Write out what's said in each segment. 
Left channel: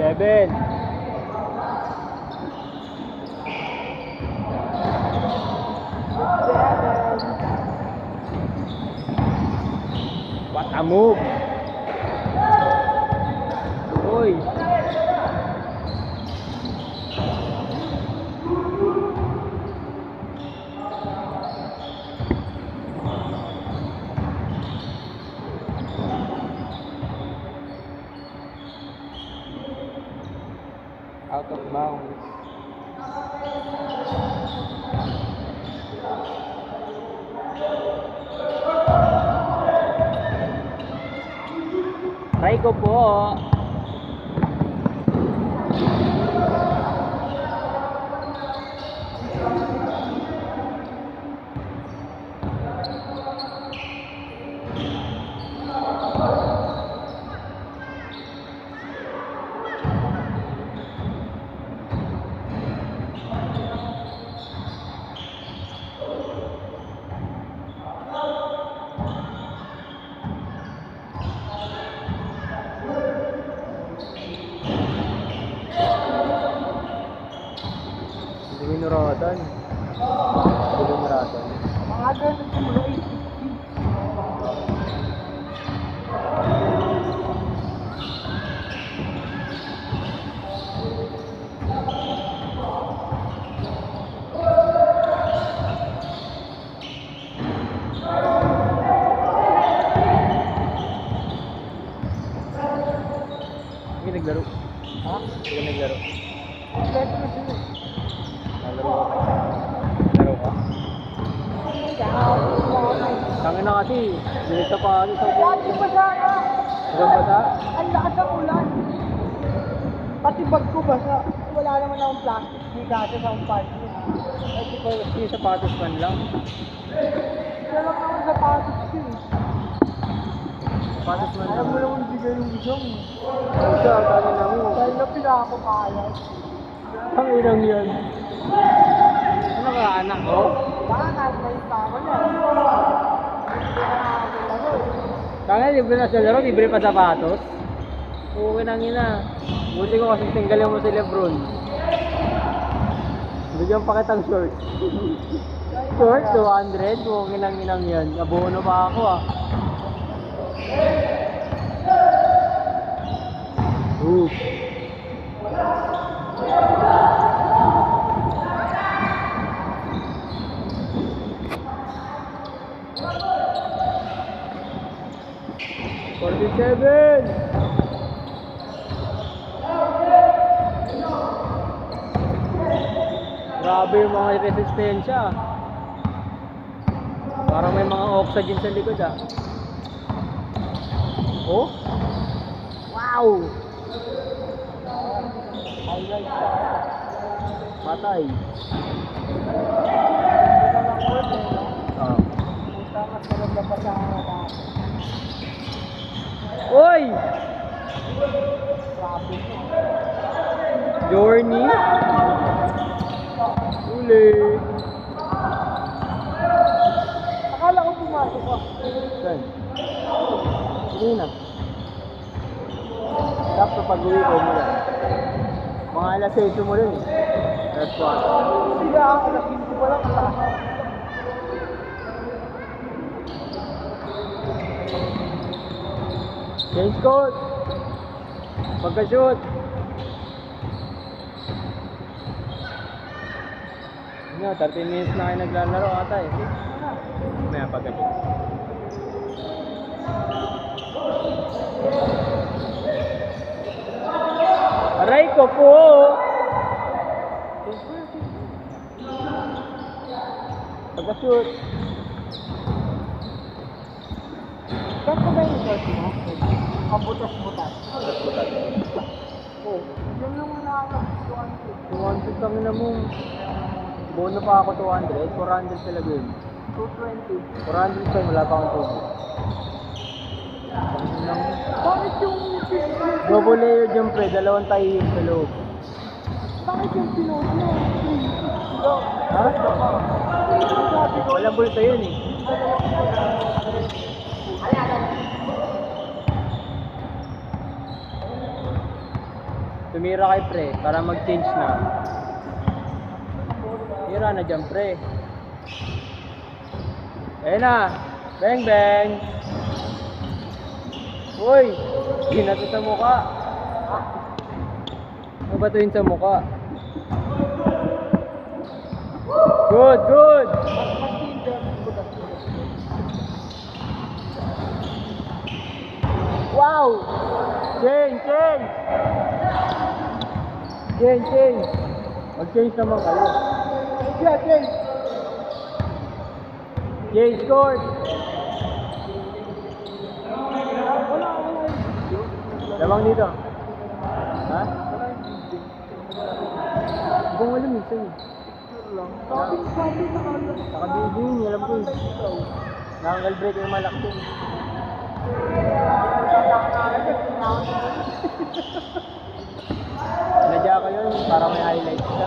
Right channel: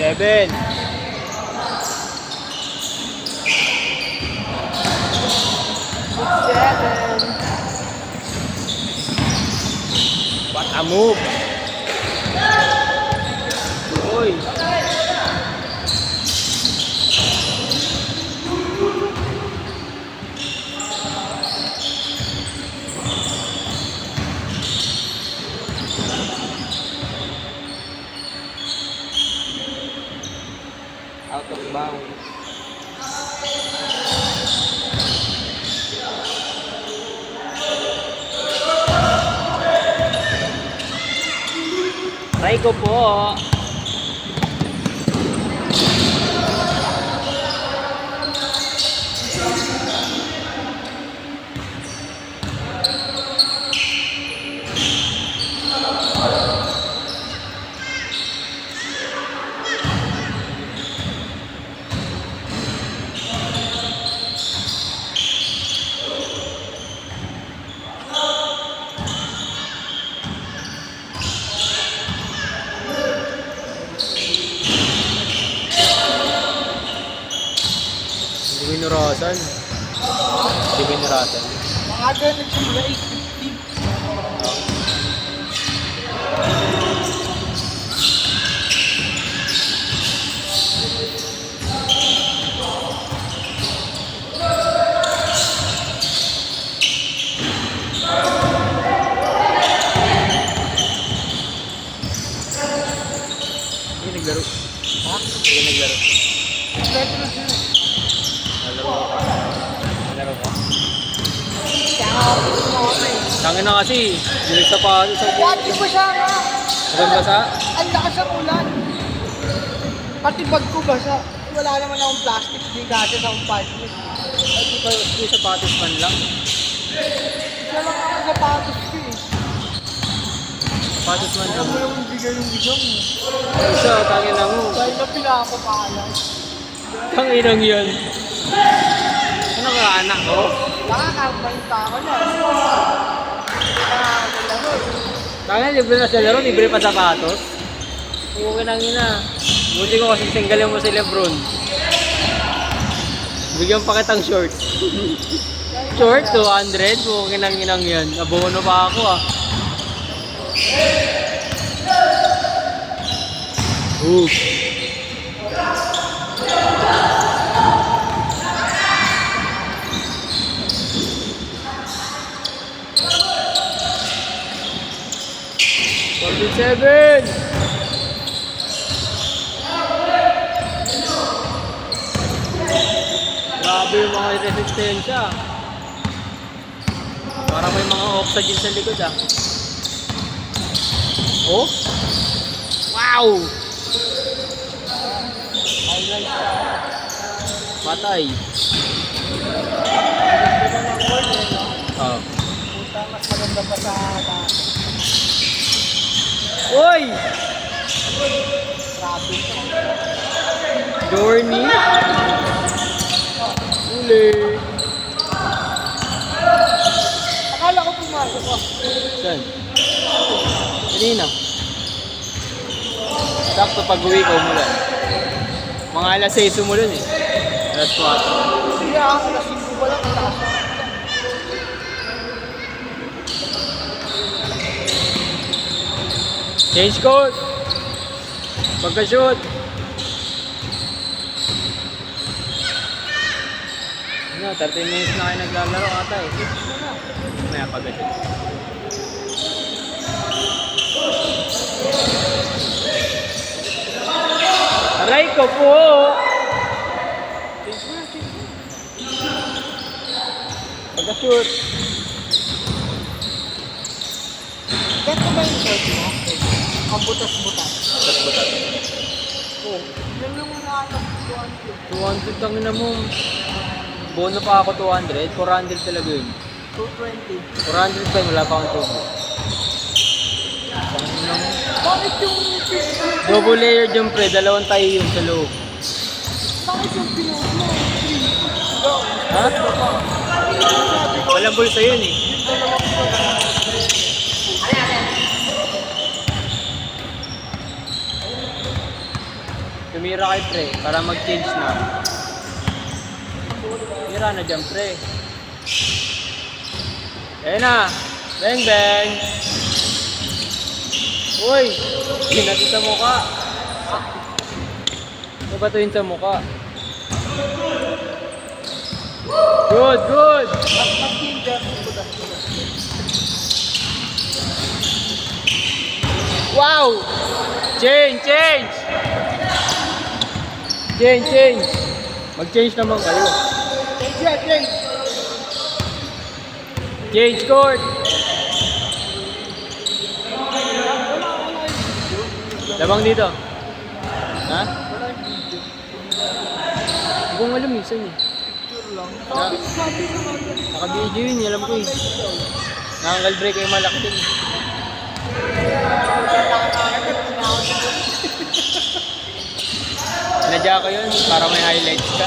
7. What a move! Uy! Out of bounds. Try ko po. Binurasan. Hindi binurasan. Hindi naglaro. Ha? Hindi naglaro. Nalaro ka pa. Nalaro ka. Tangin na kasi. Dilig sa paano sa Pati basa ka. Hanggang basa? Ang lakas sa ulan. Pati bag ko basa. Wala naman akong plastic. Hindi kasi sa akong plastic. Ay, di sapatos man lang. Wala naman sa patos ko eh. Sapatos man Ano lang. yung bigay yung bigay? Siya, tangin na mo. Dahil na pinakapakalan. Tanginang yan. Ano ka anak ko? Nakakabalik pa ako na. Tangin, libre na sa laro, libre pa sapatos. Okay nang ina. Buti ko kasi singgalin mo si Lebron. Bigyan pa kitang short. Short, 200. Okay nang inang yan. Abono pa ako ah. $47. Grabe yung mga resistensya. Parang may mga oxygen sa likod ah. Oh? Wow! Patay. Oh. Maganda pa sa Oy! traffic. Journey? Uli. Akala ko pumasok ako. Saan? Kanina. Sakto pag-uwi ko mula. Mga alas 6 umulan eh. Alas 4. Sige ako na 5 pa lang. Change code. Pagka-shoot. Ano, 30 minutes na kayo naglalaro ata eh. Maya pagka-shoot. Aray ko po! Pagka-shoot. Bakit ba yung short mo? Ang butas-butas. Oh, Yan lang muna ako. 200 ang ina mo. Bono pa ako 200. 400 talaga yun. 220. 400 pa yun, wala pa akong tubo. Bakit yung fish? Double layer jump pre, dalawang tayo yung sa loob. Bakit yung pinuno? Ha? Walang bulsa yun eh. Tumira kay pre para mag-change na. Tira na dyan pre. Ayan na. Bang bang. Uy! Ginato sa mukha. Mabatuin sa mukha. Good, good! Wow! Change, change! Change, change! Mag-change naman kayo. Change. Change court! Labang dito. Ha? Hindi ko alam eh, saan eh. Naka-video yun, alam ko eh. Nakakal break ay malaki. Sinadya ko yun para may highlights ka.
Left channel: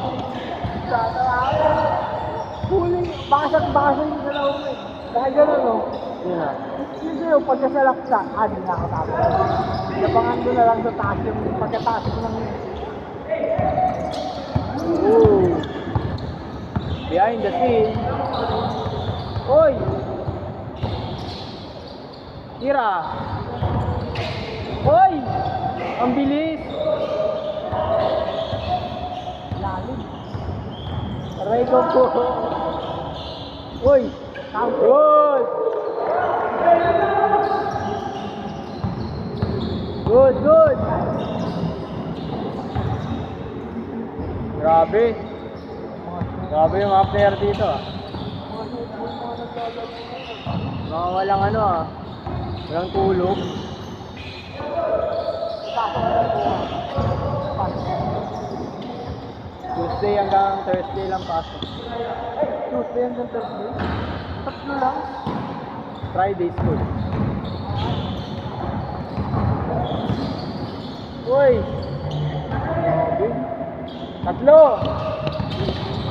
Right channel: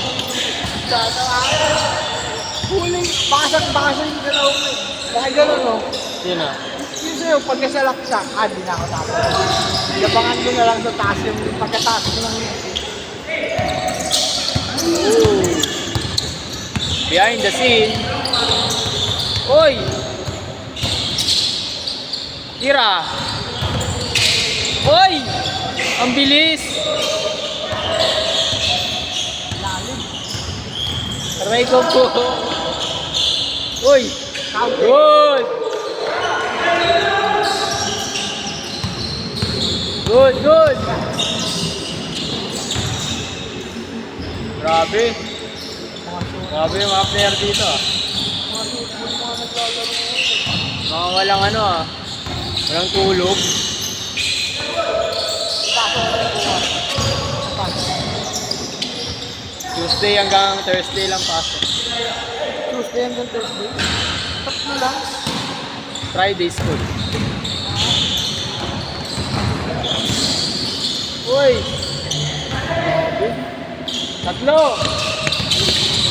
Huling basag-basag yung galaw mo eh. Dahil gano'n no? Yun na. Yun sa'yo, pagkasalak siya, di na ako tama. Napangan mo na lang sa taas yung pagkataas mo lang yun. Ooh. Behind the scene. Uy! Tira! Uy! Ang bilis! Aray ko po! Uy! Good! Good, good! Grabe! Grabe yung mga player dito ah. Mga walang ano ah. Walang tulog. Tuesday hanggang Thursday lang pasok. Tuesday and Thursday. Tatlo lang. Friday school. Uy! Grabe. Tatlo!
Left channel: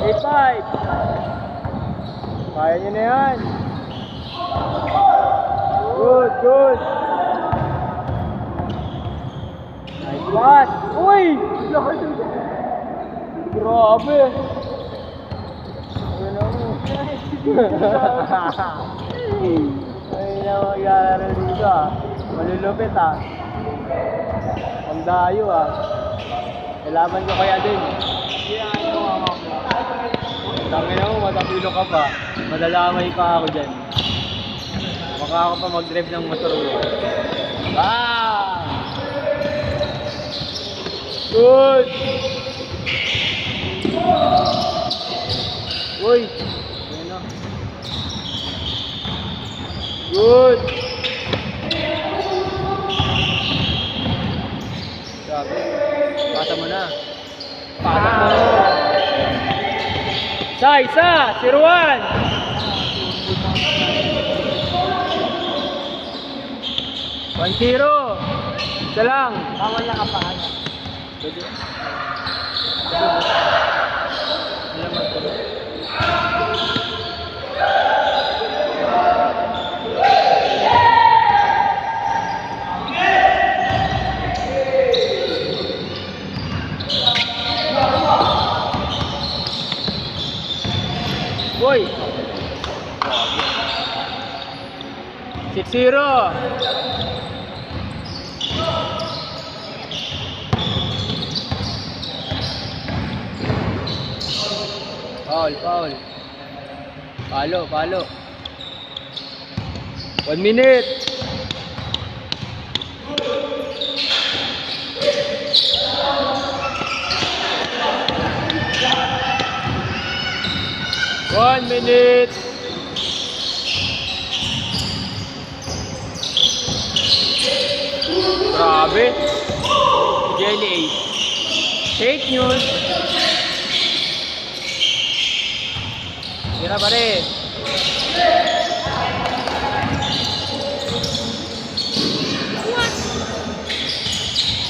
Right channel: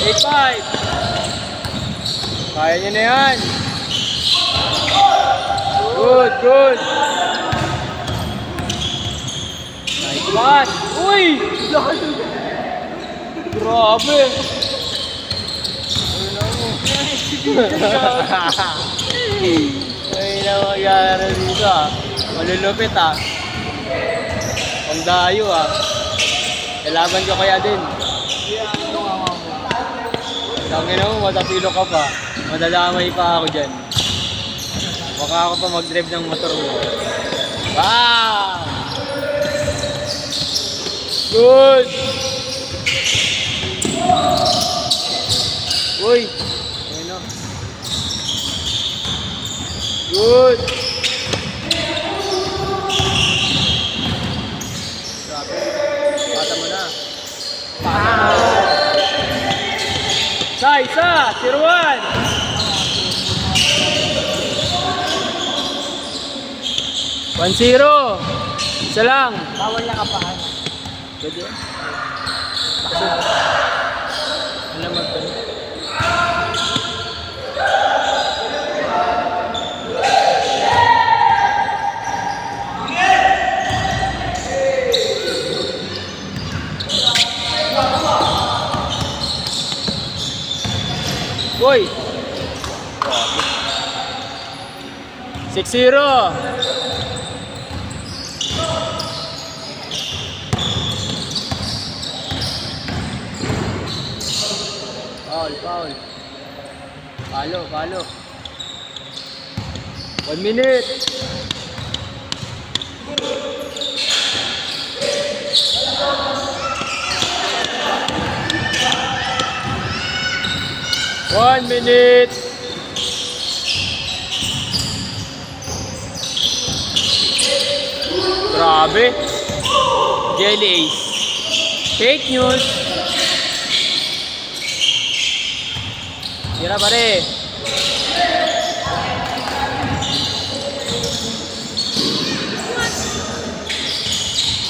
8-5! Kaya nyo na yan! Good, good! Nice pass! Uy! Grabe! Ano na mo? Ay na magyari dito ah. Malulupit ah. Ang dayo ah. Kailaban ko kaya din. Tangin na mo, matapilo ka pa. Madalamay pa ako dyan. Baka ako pa mag-drive ng motor mo. Ah! Good! Uy! Ano? Good! Kata mo na. Isa! Tiruan! 1-0! Isa lang! Tawa niya ka pa. Pwede. Alam mo ito. Boy! 6-0! Foul. Palo. 1 minute. One minute. Grabe. Jelly Ace. Fake news. Tira pare.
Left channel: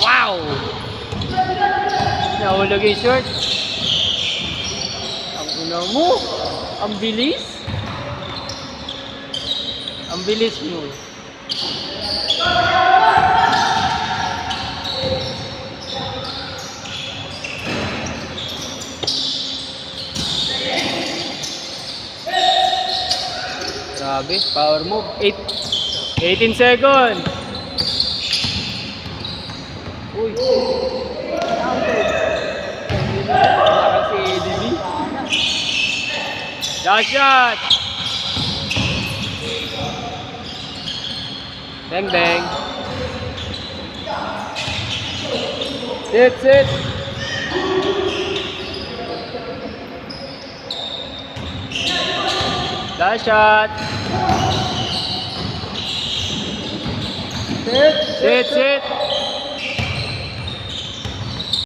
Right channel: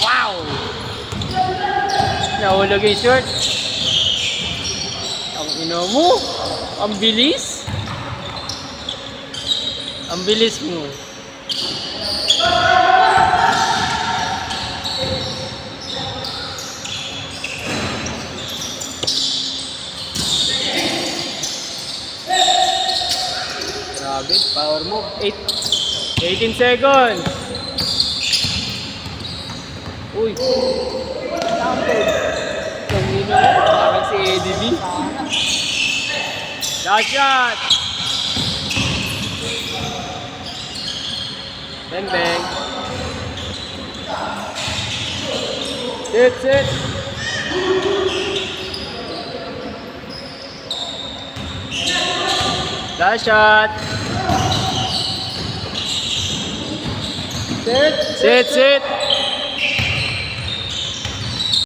Wow! Nahulog yung short. Ang ino mo. Ang bilis. Ang bilis mo. Grabe, power move. 18 seconds. Uy. Parang si Eddie B. Last shot. Bang bang. Sit. Last shot. Sit.